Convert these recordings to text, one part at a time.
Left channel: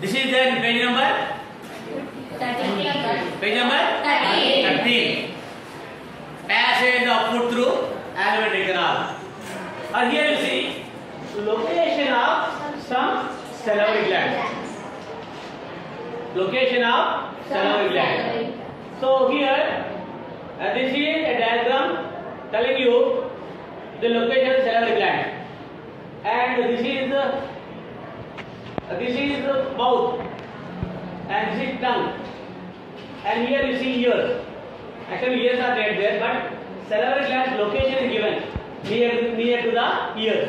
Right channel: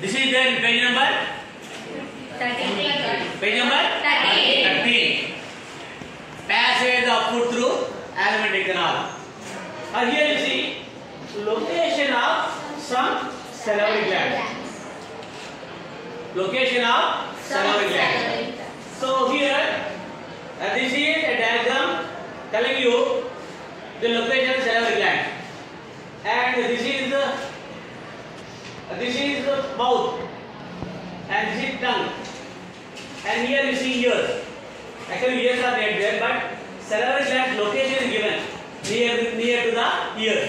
This is there in page number 13. page number 13. Passage of food through alimentary canal. And here you see location of some salivary gland. Location of salivary gland. So here this is a diagram telling you the location of salivary gland, and this is the mouth, and this is tongue, and here you see ears. Actually ears are not there, but salivary gland location is given near to the ears,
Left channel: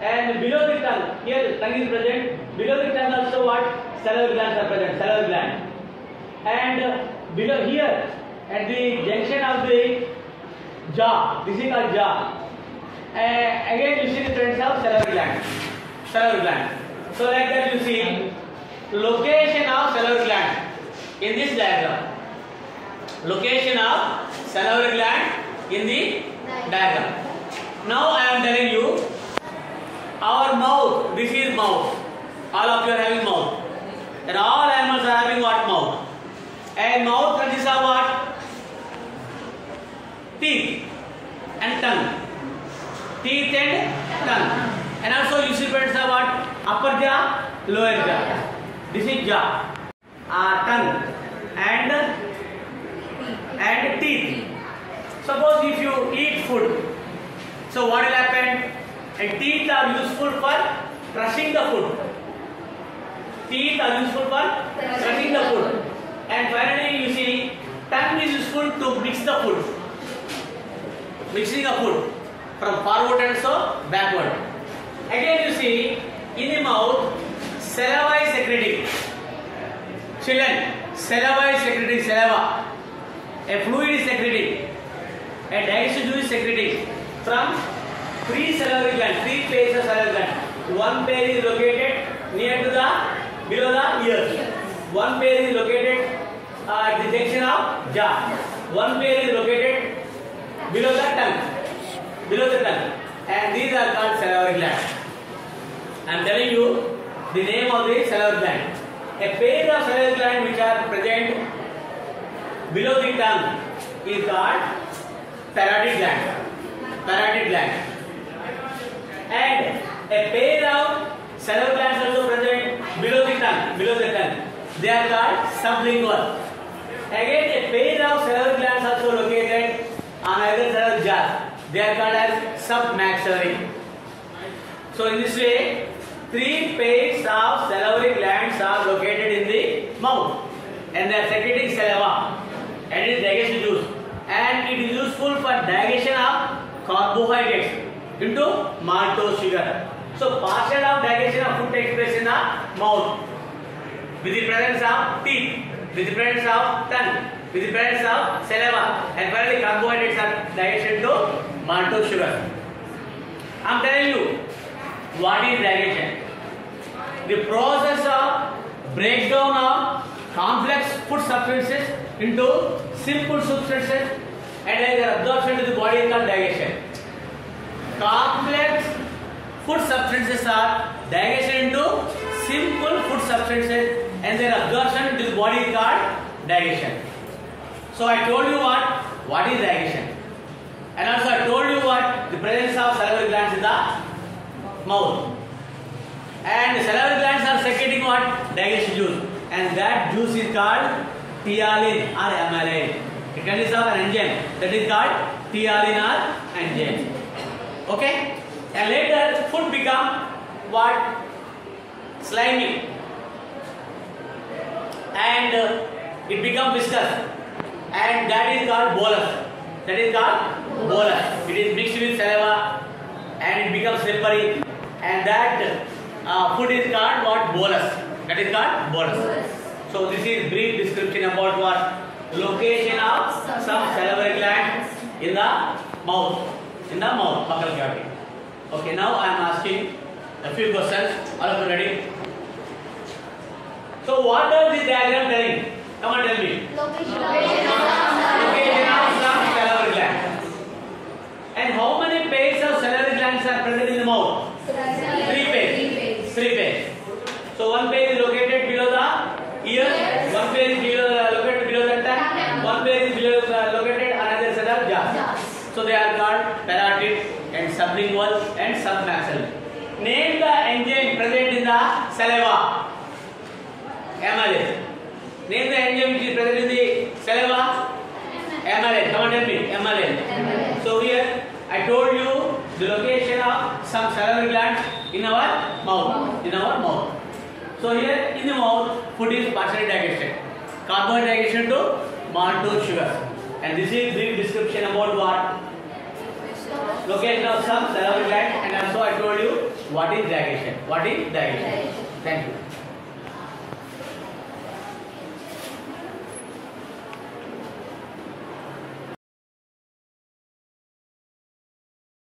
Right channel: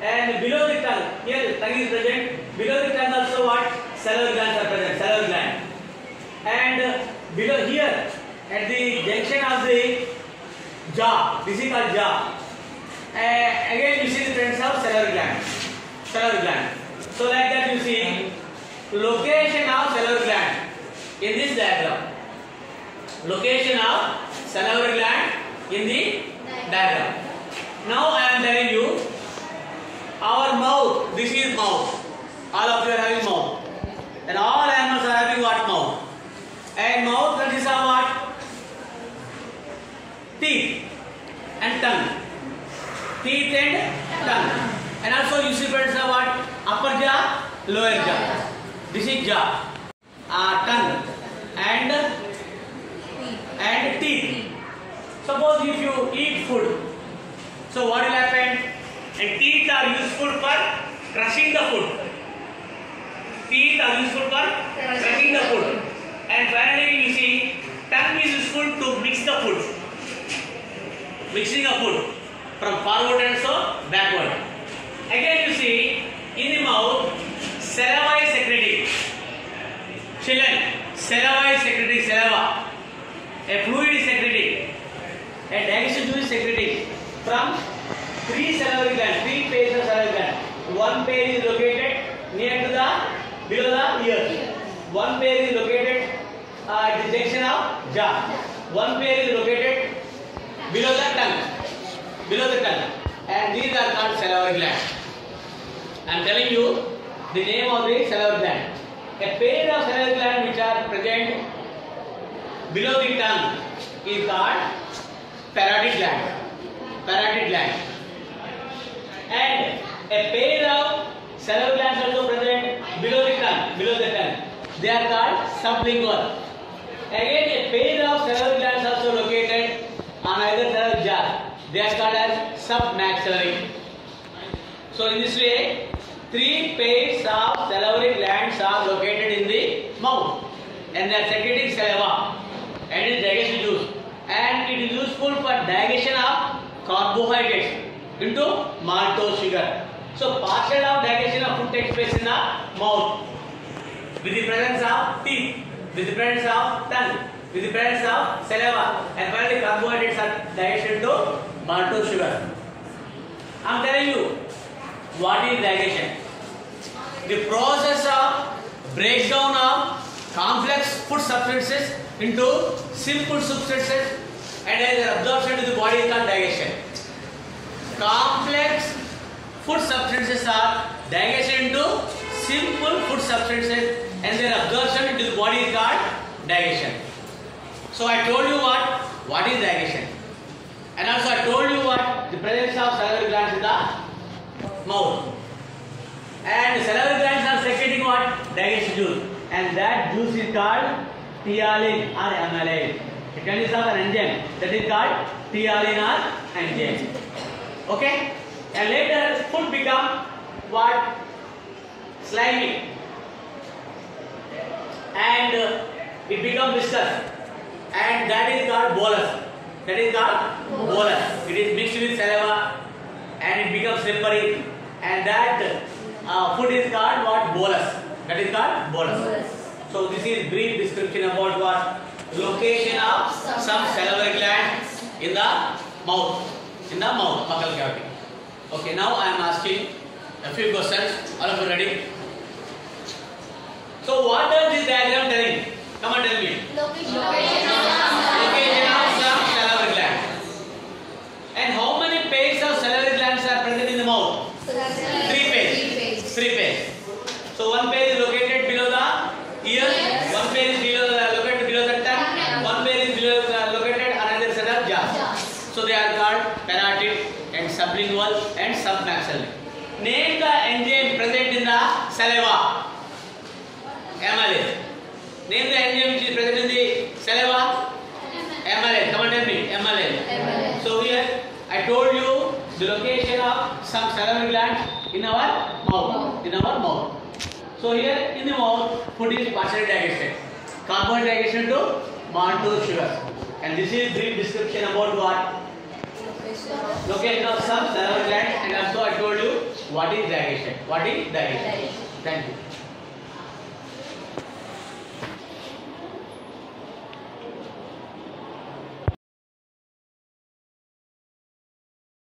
and below the tongue, here the tongue is present. Below the tongue also what? Salivary glands are present. Salivary gland, and below here at the junction of the jaw, this is called jaw. Again you see the presence of salivary gland. Salivary gland. So like that you see location of salivary gland in this diagram. Location of salivary gland in the diagram. Now I am telling you our mouth. This is mouth. All of you are having mouth. And all animals are having what? Mouth. And mouth consists of what? Teeth and tongue. Teeth and tongue. And also you see presence of what? Upper jaw, lower jaw. This is jaw, tongue, and teeth. Suppose if you eat food, so what will happen? And teeth are useful for crushing the food. Teeth are useful for crushing the food. And finally you see tongue is useful to mix the food. Mixing of food from forward and so backward. Again you see in the mouth saliva is secreting. Children, saliva is secreting. Saliva. A fluid is secreting. A digestive juice is secreting from three salivary glands, three pairs of salivary glands. One pair is located near to the below the ears. One pair is located at the junction of jaw. One pair is located below the tongue. Below the tongue. And these are called salivary glands. I am telling you the name of the salivary gland. A pair of salivary glands which are present below the tongue is called parotid gland. Parotid gland. And a pair of salivary glands also present below the tongue. Below the tongue. They are called sublingual. Again, a pair of salivary glands also located on either side of jaw. They are called as submaxillary. So in this way, three pairs of salivary glands are located in the mouth, and they are secreting saliva and its digestive juice, and it is useful for digestion of carbohydrates into maltose sugar. So partial of digestion of food takes place in the mouth with the presence of teeth, with the presence of tongue, with the presence of saliva, and finally carbohydrates are digested into maltose sugar. I am telling you what is digestion. The process of breakdown of complex food substances into simple substances and their absorption to the body is called digestion. Complex food substances are digested into simple food substances and their absorption into the body is called digestion. So I told you what is digestion, and also I told you what the presence of salivary glands in the mouth, and the salivary glands are secreting what? Digestive juice, and that juice is called ptyalin or amylase. It consists of an enzyme that is called ptyalin or enzyme. Okay, and later food become what? Slimy, and it becomes viscous, and that is called bolus. That is called bolus. It is mixed with saliva and it becomes slippery, and that food is called what? Bolus. That is called bolus. So this is brief description about what? Location of some salivary gland in the mouth, buccal cavity. Okay, now I am asking a few questions. All of you ready? So what does this diagram telling? Come on, tell me. Location of some salivary gland. And how many pairs of salivary glands are present in the mouth? Three pairs. So one pair is located below sublingual and submaxillary. Name the enzyme present in the saliva. Amylase. Name the enzyme which is present in the saliva. Amylase. Come on, tell me. Amylase. So here I told you the location of some salivary glands in our mouth. So here in the mouth, food is partially digested. Carbohydrate digestion to maltose sugars. And this is brief description about what? Location of some salivary glands, and also I told you what is digestion. Thank you.